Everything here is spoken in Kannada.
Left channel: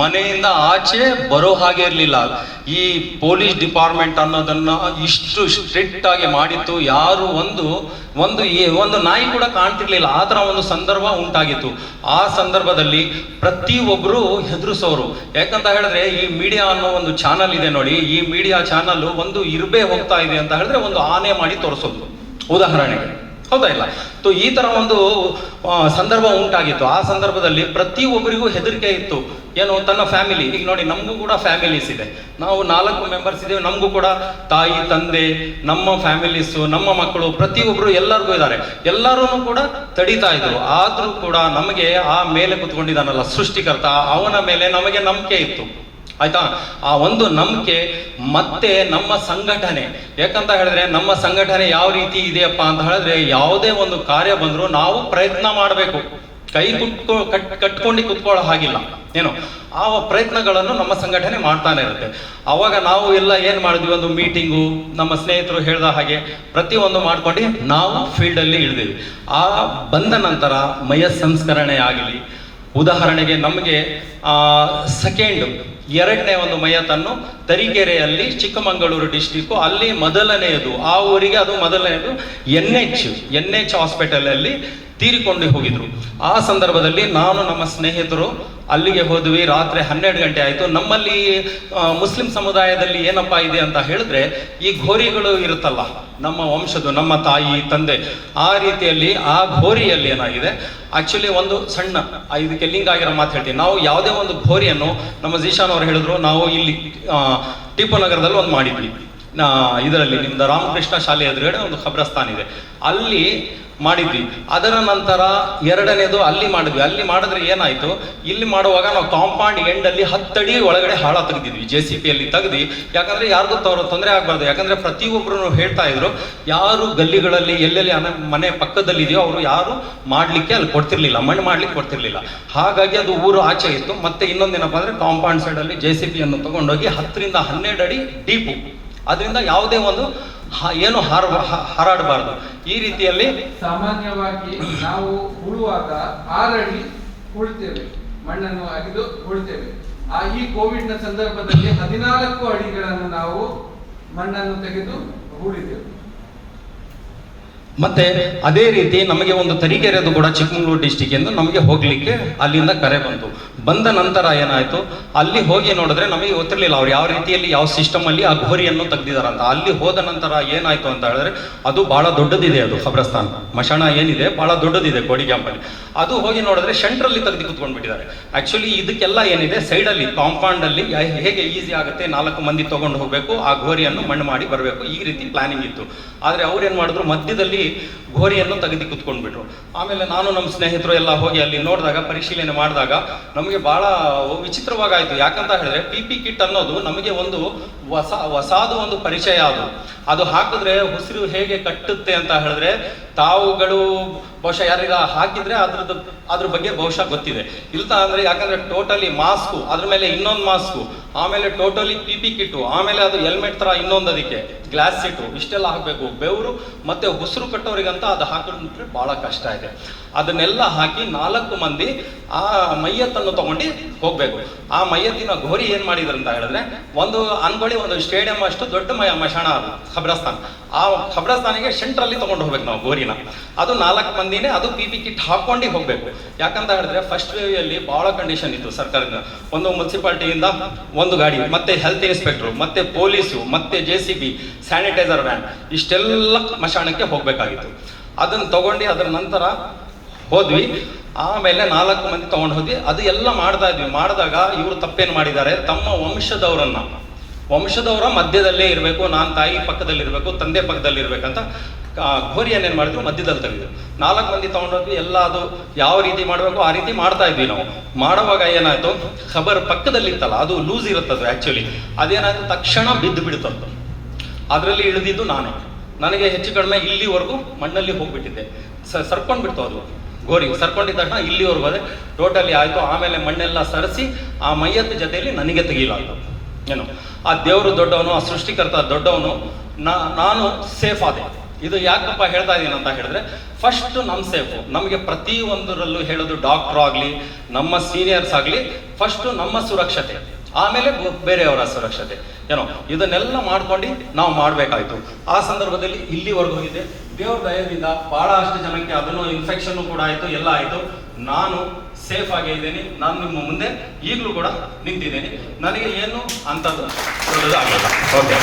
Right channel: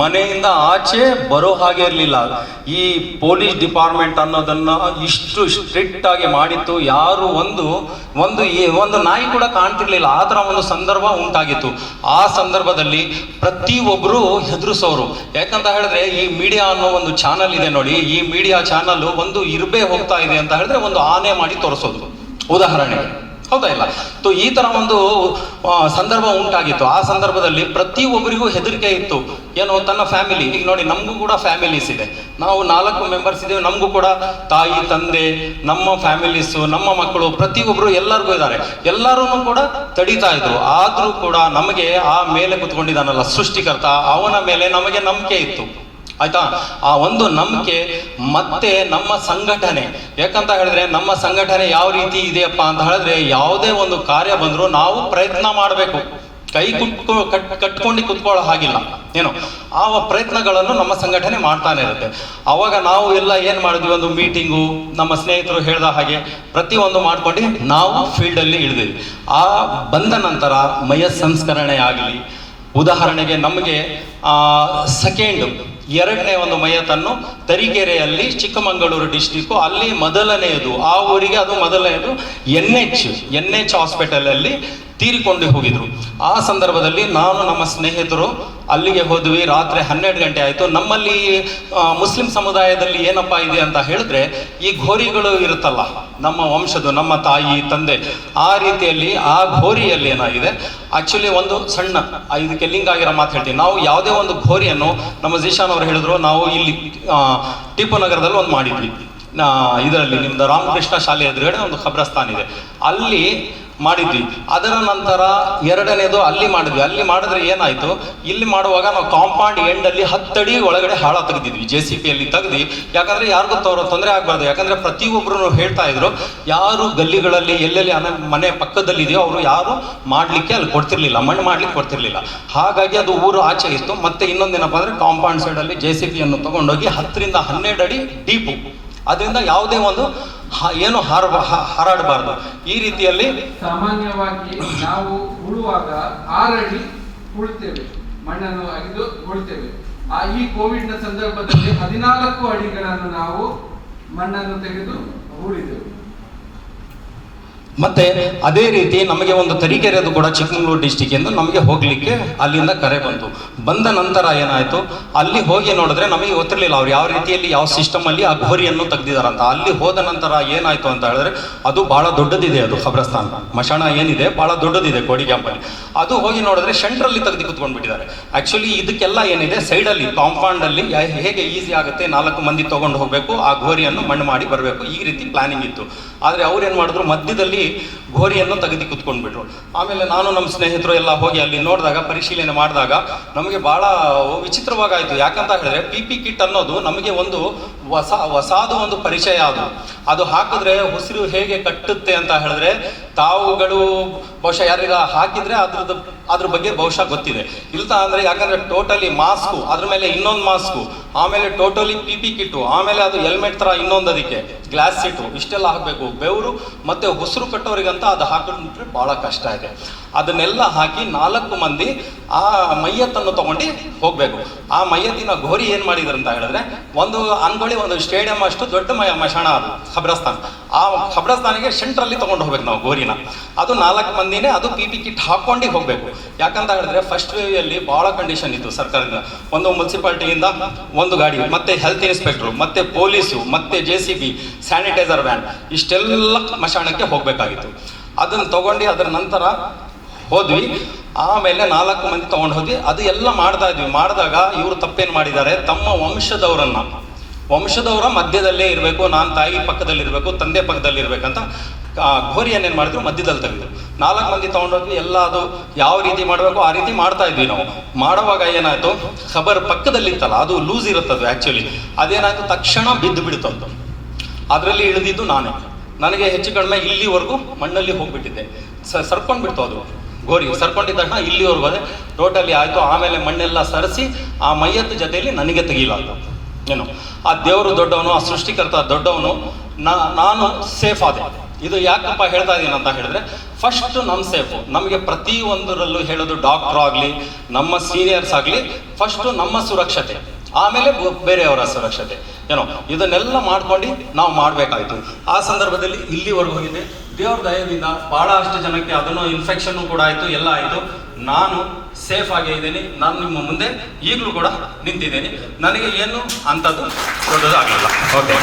ಮನೆಯಿಂದ ಆಚೆ ಬರೋ ಹಾಗೆ ಇರಲಿಲ್ಲ. ಈ ಪೊಲೀಸ್ ಡಿಪಾರ್ಟ್ಮೆಂಟ್ ಅನ್ನೋದನ್ನ ಇಷ್ಟು ಸ್ಟ್ರಿಕ್ಟ್ ಆಗಿ ಮಾಡಿತ್ತು. ಯಾರು ಒಂದು ನಾಯಿ ಕೂಡ ಕಾಣ್ತಿರ್ಲಿಲ್ಲ. ಆ ಥರ ಒಂದು ಸಂದರ್ಭ ಉಂಟಾಗಿತ್ತು. ಆ ಸಂದರ್ಭದಲ್ಲಿ ಪ್ರತಿಯೊಬ್ಬರು ಹೆದರಿಸೋರು. ಯಾಕಂತ ಹೇಳಿದ್ರೆ ಈ ಮೀಡಿಯಾ ಅನ್ನೋ ಒಂದು ಚಾನಲ್ ಇದೆ ನೋಡಿ, ಈ ಮೀಡಿಯಾ ಚಾನಲ್ ಒಂದು ಇರ್ಬೇ ಹೋಗ್ತಾ ಇದೆ ಅಂತ ಹೇಳಿದ್ರೆ ಒಂದು ಆನೆ ಮಾಡಿ ತೋರಿಸೋದು, ಉದಾಹರಣೆಗೆ. ಹೌದಾ ಇಲ್ಲ? ಈ ತರ ಒಂದು ಸಂದರ್ಭ ಉಂಟಾಗಿತ್ತು. ಆ ಸಂದರ್ಭದಲ್ಲಿ ಪ್ರತಿಯೊಬ್ಬರಿಗೂ ಹೆದರಿಕೆ ಇತ್ತು. ಏನು, ತನ್ನ ಫ್ಯಾಮಿಲಿ, ಈಗ ನೋಡಿ ನಮಗೂ ಕೂಡ ಫ್ಯಾಮಿಲೀಸ್ ಇದೆ, ನಾವು 4 ಮೆಂಬರ್ಸ್ ಇದ್ದೇವೆ, ನಮಗೂ ಕೂಡ ತಾಯಿ ತಂದೆ, ನಮ್ಮ ಫ್ಯಾಮಿಲೀಸು, ನಮ್ಮ ಮಕ್ಕಳು, ಪ್ರತಿಯೊಬ್ಬರು ಎಲ್ಲರಿಗೂ ಇದ್ದಾರೆ. ಎಲ್ಲರೂ ಕೂಡ ತಡೀತಾ ಇದ್ರು. ಆದ್ರೂ ಕೂಡ ನಮಗೆ ಆ ಮೇಲೆ ಕುತ್ಕೊಂಡಿದ್ದಾನಲ್ಲ ಸೃಷ್ಟಿಕರ್ತ, ಅವನ ಮೇಲೆ ನಮಗೆ ನಂಬಿಕೆ ಇತ್ತು. ಆಯ್ತಾ? ಆ ಒಂದು ನಂಬಿಕೆ ಮತ್ತೆ ನಮ್ಮ ಸಂಘಟನೆ. ಯಾಕಂತ ಹೇಳಿದ್ರೆ ನಮ್ಮ ಸಂಘಟನೆ ಯಾವ ರೀತಿ ಇದೆಯಪ್ಪ ಅಂತ ಹೇಳಿದ್ರೆ, ಯಾವುದೇ ಒಂದು ಕಾರ್ಯ ಬಂದರೂ ನಾವು ಪ್ರಯತ್ನ ಮಾಡಬೇಕು. ಕೈ ಕಟ್ಕೊಂಡು ಕುತ್ಕೊಳ್ಳೋ ಹಾಗಿಲ್ಲ. ಏನು, ಆ ಪ್ರಯತ್ನಗಳನ್ನು ನಮ್ಮ ಸಂಘಟನೆ ಮಾಡ್ತಾನೆ ಇರುತ್ತೆ. ಅವಾಗ ನಾವು ಎಲ್ಲ ಏನು ಮಾಡಿದ್ವಿ, ಒಂದು ಮೀಟಿಂಗು, ನಮ್ಮ ಸ್ನೇಹಿತರು ಹೇಳ್ದ ಹಾಗೆ ಪ್ರತಿಯೊಂದು ಮಾಡ್ಕೊಂಡು ನಾವು ಫೀಲ್ಡಲ್ಲಿ ಇಳಿದ್ವಿ. ಆ ಬಂದ ನಂತರ ಮಯ ಸಂಸ್ಕರಣೆ ಆಗಲಿ, ಉದಾಹರಣೆಗೆ ನಮಗೆ ಎರಡನೇ ಒಂದು ಮಯತನ್ನು ತರೀಕೆರೆಯಲ್ಲಿ, ಚಿಕ್ಕಮಗಳೂರು ಡಿಸ್ಟಿಕ್ಕು, ಅಲ್ಲಿ ಮೊದಲನೆಯದು, ಆ ಊರಿಗೆ ಅದು ಮೊದಲನೆಯದು ಎನ್ ಎಚ್ ಹಾಸ್ಪಿಟಲಲ್ಲಿ ತೀರಿಕೊಂಡು ಹೋಗಿದ್ರು. ಆ ಸಂದರ್ಭದಲ್ಲಿ ನಾನು ನಮ್ಮ ಸ್ನೇಹಿತರು ಅಲ್ಲಿಗೆ ಹೋದ್ವಿ. ರಾತ್ರಿ 12 ಗಂಟೆ ಆಯಿತು. ನಮ್ಮಲ್ಲಿ ಮುಸ್ಲಿಂ ಸಮುದಾಯದಲ್ಲಿ ಏನಪ್ಪಾ ಇದೆ ಅಂತ ಹೇಳಿದ್ರೆ, ಈ ಘೋರಿಗಳು ಇರುತ್ತಲ್ಲ, ನಮ್ಮ ವಂಶದ್ದು, ನಮ್ಮ ತಾಯಿ ತಂದೆ, ಆ ರೀತಿಯಲ್ಲಿ ಆ ಘೋರಿಯಲ್ಲಿ ಏನಾಗಿದೆ, ಆಕ್ಚುಲಿ ಒಂದು ಸಣ್ಣ ಇದಕ್ಕೆ ಲಿಂಕ್ ಆಗಿರೋ ಮಾತು ಹೇಳ್ತೀನಿ. ನಾವು ಯಾವುದೇ ಒಂದು ಘೋರಿಯನ್ನು, ನಮ್ಮ ಜಿಶಾನ್ ಅವರು ಹೇಳಿದ್ರು, ನಾವು ಇಲ್ಲಿ ಟಿಪ್ಪು ನಗರದಲ್ಲಿ ಒಂದು ಮಾಡಿದ್ವಿ. ಇದರಲ್ಲಿ ನಿಮ್ದು ರಾಮಕೃಷ್ಣ ಶಾಲೆ ಎದುರುಗಡೆ ಒಂದು ಖಬ್ರಸ್ತಾನ್ ಇದೆ, ಅಲ್ಲಿ ಮಾಡಿದ್ವಿ. ಅದರ ನಂತರ ಎರಡನೇದು ಅಲ್ಲಿ ಮಾಡಿದ್ವಿ. ಅಲ್ಲಿ ಮಾಡಿದ್ರೆ ಏನಾಯ್ತು, ಇಲ್ಲಿ ಮಾಡುವಾಗ ನಾವು ಕಾಂಪೌಂಡ್ ಎಂಡಲ್ಲಿ 10 ಅಡಿ ಒಳಗಡೆ ಹಾಳ ತೆಗೆದಿದ್ವಿ, JCPಯಲ್ಲಿ ತೆಗೆದು. ಯಾಕಂದ್ರೆ ಯಾರಿಗೂ ತೊಂದರೆ ಆಗ್ಬಾರ್ದು. ಯಾಕಂದ್ರೆ ಪ್ರತಿಯೊಬ್ಬರು ಹೇಳ್ತಾ ಇದ್ರು, ಯಾರು ಗಲ್ಲಿಗಳಲ್ಲಿ ಎಲ್ಲೆಲ್ಲಿ ಮನೆ ಪಕ್ಕದಲ್ಲಿ ಇದೆಯೋ ಅವರು ಯಾರು ಮಾಡ್ಲಿಕ್ಕೆ ಅಲ್ಲಿ ಕೊಡ್ತಿರ್ಲಿಲ್ಲ, ಮಣ್ಣು ಮಾಡ್ಲಿಕ್ಕೆ ಕೊಡ್ತಿರ್ಲಿಲ್ಲ. ಹಾಗಾಗಿ ಅದು ಊರು ಆಚೆ ಇತ್ತು. ಮತ್ತೆ ಇನ್ನೊಂದೇನಪ್ಪ ಅಂದ್ರೆ ಕಾಂಪೌಂಡ್ ಸೈಡಲ್ಲಿ JCPಯನ್ನು ತಗೊಂಡೋಗಿ 10 ರಿಂದ 12 ಅಡಿ ಡೀಪು, ಅದರಿಂದ ಯಾವುದೇ ಒಂದು ಏನು ಹಾರಾಡಬಾರ್ದು. ಈ ರೀತಿಯಲ್ಲಿ ಸಾಮಾನ್ಯವಾಗಿ ನಾವು ಉಳುವಾಗ 6 ಅಡಿ ಉಳ್ತೇವೆ, ಮಣ್ಣನ್ನು ಅಗೆದು ಉಳ್ತೇವೆ. ಈ ಕೋವಿಡ್ ನ ಸಂದರ್ಭದಲ್ಲಿ 14 ಅಡಿಗಳನ್ನು ನಾವು ಮಣ್ಣನ್ನು ತೆಗೆದು ಹೂಳಿದೆವು. ಮತ್ತೆ ಅದೇ ರೀತಿ ನಮಗೆ ಒಂದು ತರೀಕೆರೆದು ಕೂಡ ಚಿಕ್ಕಮಗಳೂರು ಡಿಸ್ಟಿಕ್ ಎಂದು ನಮಗೆ ಹೋಗ್ಲಿಕ್ಕೆ ಅಲ್ಲಿಂದ ಕರೆ ಬಂದ ನಂತರ ಏನಾಯ್ತು, ಅಲ್ಲಿ ಹೋಗಿ ನೋಡಿದ್ರೆ ನಮಗೆ ಗೊತ್ತಿರಲಿಲ್ಲ ಅವ್ರು ಯಾವ ರೀತಿಯಲ್ಲಿ ಯಾವ ಸಿಸ್ಟಮ್ ಅಲ್ಲಿ ಆ ಘೋರಿಯನ್ನು ತೆಗ್ದಿದಾರಂತ. ಅಲ್ಲಿ ಹೋದ ನಂತರ ಏನಾಯ್ತು ಅಂತ ಹೇಳಿದ್ರೆ, ಅದು ಬಹಳ ದೊಡ್ಡದಿದೆ, ಅದು ಖಬ್ರಸ್ತಾನ್ ಮಶಾಣ ಏನಿದೆ ಬಹಳ ದೊಡ್ಡದಿದೆ ಕೋಡಿ ಕ್ಯಾಂಪಲ್ಲಿ. ಅದು ಹೋಗಿ ನೋಡಿದ್ರೆ ಸೆಂಟ್ರಲ್ಲಿ ತೆಗೆದು ಕುತ್ಕೊಂಡ್ಬಿಟ್ಟಿದ್ದಾರೆ. ಆಕ್ಚುಲಿ ಇದಕ್ಕೆಲ್ಲ ಏನಿದೆ, ಸೈಡಲ್ಲಿ ಕಾಂಪೌಂಡ್ ಅಲ್ಲಿ ಹೇಗೆ ಈಸಿ ಆಗುತ್ತೆ, 4 ಮಂದಿ ತಗೊಂಡು ಹೋಗ್ಬೇಕು, ಆ ಘೋರಿಯನ್ನು ಮಣ್ಣು ಮಾಡಿ ಬರಬೇಕು, ಈ ರೀತಿ ಪ್ಲಾನಿಂಗ್ ಇತ್ತು. ಆದ್ರೆ ಅವ್ರು ಏನ್ ಮಾಡಿದ್ರು, ಮಧ್ಯದಲ್ಲಿ ಘೋರಿಯನ್ನು ತೆಗೆದು ಕುತ್ಕೊಂಡ್ಬಿಟ್ರು. ಆಮೇಲೆ ನಾನು ನಮ್ಮ ಸ್ನೇಹಿತರು ಎಲ್ಲ ಹೋಗಿ ಅಲ್ಲಿ ನೋಡಿದಾಗ, ಪರಿಶೀಲನೆ ಮಾಡಿದಾಗ ನಮಗೆ ಬಹಳ ವಿಚಿತ್ರವಾಗಾಯ್ತು. ಯಾಕಂತ ಹೇಳಿದ್ರೆ PP ಕಿಟ್ ಅನ್ನೋದು ನಮಗೆ ಒಂದು ಹೊಸಾದ ಒಂದು ಪರಿಚಯ. ಅದು ಹಾಕಿದ್ರೆ ಉಸಿರು ಹೇಗೆ ಕಟ್ಟುತ್ತೆ ಅಂತ ಹೇಳಿದ್ರೆ, ತಾವುಗಳು ಬಹುಶಃ ಯಾರಿಗ ಹಾಕಿದ್ರೆ ಅದ್ರ ಬಗ್ಗೆ ಬಹುಶಃ ಗೊತ್ತಿದೆ. ಇಲ್ಲ ಅಂದ್ರೆ, ಯಾಕಂದ್ರೆ ಟೋಟಲಿ ಮಾಸ್ಕು, ಅದ್ರ ಮೇಲೆ ಇನ್ನೊಂದು ಮಾಸ್ಕು, ಆಮೇಲೆ ಟೋಟಲಿ PP ಕಿಟ್ಟು, ಆಮೇಲೆ ಅದು ಹೆಲ್ಮೆಟ್ ತರ ಇನ್ನೊಂದು, ಅದಕ್ಕೆ ಗ್ಲಾಸ್ ಸೀಟು, ಇಷ್ಟೆಲ್ಲ ಹಾಕಬೇಕು. ಬೆವರು ಮತ್ತೆ ಉಸಿರು ಕಟ್ಟೋರಿಗಂತ ಅದು ಹಾಕಿದ್ರೆ ಬಹಳ ಕಷ್ಟ ಇದೆ. ಅದನ್ನೆಲ್ಲ ಹಾಕಿ 4 ಮಂದಿ ಆ ಮೈಯತ್ತನ್ನು ತಗೊಂಡು ಹೋಗ್ಬೇಕು. ಆ ಮೈಯತ್ತಿನ ಘೋರಿ ಏನ್ ಮಾಡಿದ್ರು ಅಂತ ಹೇಳಿದ್ರೆ, ಒಂದು ಅನ್ಗೊಳ್ಳಿ ಒಂದು ಸ್ಟೇಡಿಯಂ ಅಷ್ಟು ದೊಡ್ಡ ಮಶಾಣ ಅದು ಖಬ್ರಸ್ತಾನ್. ಆ ಖಬ್ರಸ್ತಾನಿಗೆ ಸೆಂಟ್ರಲ್ಲಿ ತಗೊಂಡು ಹೋಗ್ಬೇಕು ನಾವು ಘೋರಿನ. ಅದು 4 ಮಂದಿನೇ, ಅದು PP ಕಿಟ್ ಹಾಕೊಂಡು ಹೋಗ್ಬೇಕು. ಯಾಕಂತ ಹೇಳಿದ್ರೆ ಫಸ್ಟ್ ವೇವ್ ಅಲ್ಲಿ ಬಹಳ ಕಂಡೀಷನ್ ಇತ್ತು ಸರ್ಕಾರದಿಂದ. ಒಂದು ಮುನ್ಸಿಪಾಲಿಟಿಯಿಂದ ಒಂದು ಗಾಡಿ, ಮತ್ತೆ ಹೆಲ್ತ್ ಇನ್ಸ್ಪೆಕ್ಟರ್, ಮತ್ತೆ ಪೊಲೀಸು, ಮತ್ತೆ JCB, ಸ್ಯಾನಿಟೈಸರ್ ವ್ಯಾನ್, ಇಷ್ಟೆಲ್ಲ ಮಶಾಣಕ್ಕೆ ಹೋಗ್ಬೇಕಾಗಿತ್ತು. ಅದನ್ನು ತಗೊಂಡು ಅದರ ನಂತರ ಹೋದ್ವಿ. ಆಮೇಲೆ 4 ಮಂದಿ ತಗೊಂಡು ಹೋದ್ವಿ. ಅದು ಎಲ್ಲ ಮಾಡ್ತಾ ಇದ್ವಿ. ಮಾಡಿದಾಗ ಇವರು ತಪ್ಪೇನು ಮಾಡಿದ್ದಾರೆ, ತಮ್ಮ ವಂಶದವರ ಮಧ್ಯದಲ್ಲೇ ಇರಬೇಕು, ನಾನು ತಾಯಿ ಪಕ್ಕದಲ್ಲಿ ಇರಬೇಕು, ತಂದೆ ಪಕ್ಕದಲ್ಲಿ ಇರ್ಬೇಕಂತ ಘೋರಿಯನ್ನು ಏನು ಮಾಡಿದ್ರು, ಮಧ್ಯದಲ್ಲಿ ತೆಗೆದ್ರು. 4 ಮಂದಿ ತಗೊಂಡೋದ್ವಿ. ಎಲ್ಲ ಅದು ಯಾವ ರೀತಿ ಮಾಡಬೇಕು ಆ ರೀತಿ ಮಾಡ್ತಾ ಇದ್ವಿ ನಾವು. ಮಾಡುವಾಗ ಏನಾಯ್ತು, ಖಬರ್ ಪಕ್ಕದಲ್ಲಿ ಇತ್ತಲ್ಲ, ಅದು ಲೂಸ್ ಇರುತ್ತದು ಆ್ಯಕ್ಚುಲಿ. ಅದೇನಾಯ್ತು, ತಕ್ಷಣ ಬಿದ್ದು ಬಿಡ್ತಂತ. ಅದರಲ್ಲಿ ಇಳಿದಿದ್ದು ನನಗೆ ಹೆಚ್ಚು ಕಡಿಮೆ ಇಲ್ಲಿವರೆಗೂ ಮಣ್ಣಲ್ಲಿ ಹೋಗ್ಬಿಟ್ಟಿದ್ದೆ. ಸರ್ಕೊಂಡು ಬಿಡ್ತು ಅದು ಗೋರಿ. ಸರ್ಕೊಂಡಿದ್ದ ತಕ್ಷಣ ಇಲ್ಲಿವರೆಗೂ ಅದೇ ಟೋಟಲಿ ಆಯಿತು. ಆಮೇಲೆ ಮಣ್ಣೆಲ್ಲ ಸರಿಸಿ ಆ ಮೈಯತ್ತ ಜೊತೆಯಲ್ಲಿ ನನಗೆ ತೆಗೀಲಾಯ್ತು. ಏನು, ಆ ದೇವರು ದೊಡ್ಡವನು, ಆ ಸೃಷ್ಟಿಕರ್ತ ದೊಡ್ಡವನು, ನಾನು ಸೇಫ್ ಆದೆ. ಇದು ಯಾಕಪ್ಪ ಹೇಳ್ತಾ ಇದ್ದೀನಿ ಅಂತ ಹೇಳಿದ್ರೆ, ಫಸ್ಟ್ ನಮ್ಮ ಸೇಫು. ನಮಗೆ ಪ್ರತಿಯೊಂದರಲ್ಲೂ ಹೇಳೋದು ಡಾಕ್ಟರ್ ಆಗಲಿ ನಮ್ಮ ಸೀನಿಯರ್ಸ್ ಆಗಲಿ ಫಸ್ಟು ನಮ್ಮ ಸುರಕ್ಷತೆ, ಆಮೇಲೆ ಬೇರೆಯವರ ಸುರಕ್ಷತೆ ಏನೋ ಇದನ್ನೆಲ್ಲ ಮಾಡ್ಕೊಂಡು ನಾವು ಮಾಡಬೇಕಾಯ್ತು. ಆ ಸಂದರ್ಭದಲ್ಲಿ ಇಲ್ಲಿವರೆಗೂ ಹೋಗಿದೆ. ದೇವ್ರ ದಯದಿಂದ ಬಹಳಷ್ಟು ಜನಕ್ಕೆ ಅದನ್ನು ಇನ್ಫೆಕ್ಷನ್ ಕೂಡ ಆಯಿತು, ಎಲ್ಲ ಆಯಿತು. ನಾನು ಸೇಫ್ ಆಗೇ ಇದ್ದೇನೆ. ನಾನು ನಿಮ್ಮ ಮುಂದೆ ಈಗಲೂ ಕೂಡ ನಿಂತಿದ್ದೇನೆ. ನನಗೆ ಏನು ಅಂಥದ್ದು ದೊಡ್ಡದಾಗಲಿಲ್ಲ. ಓಕೆ.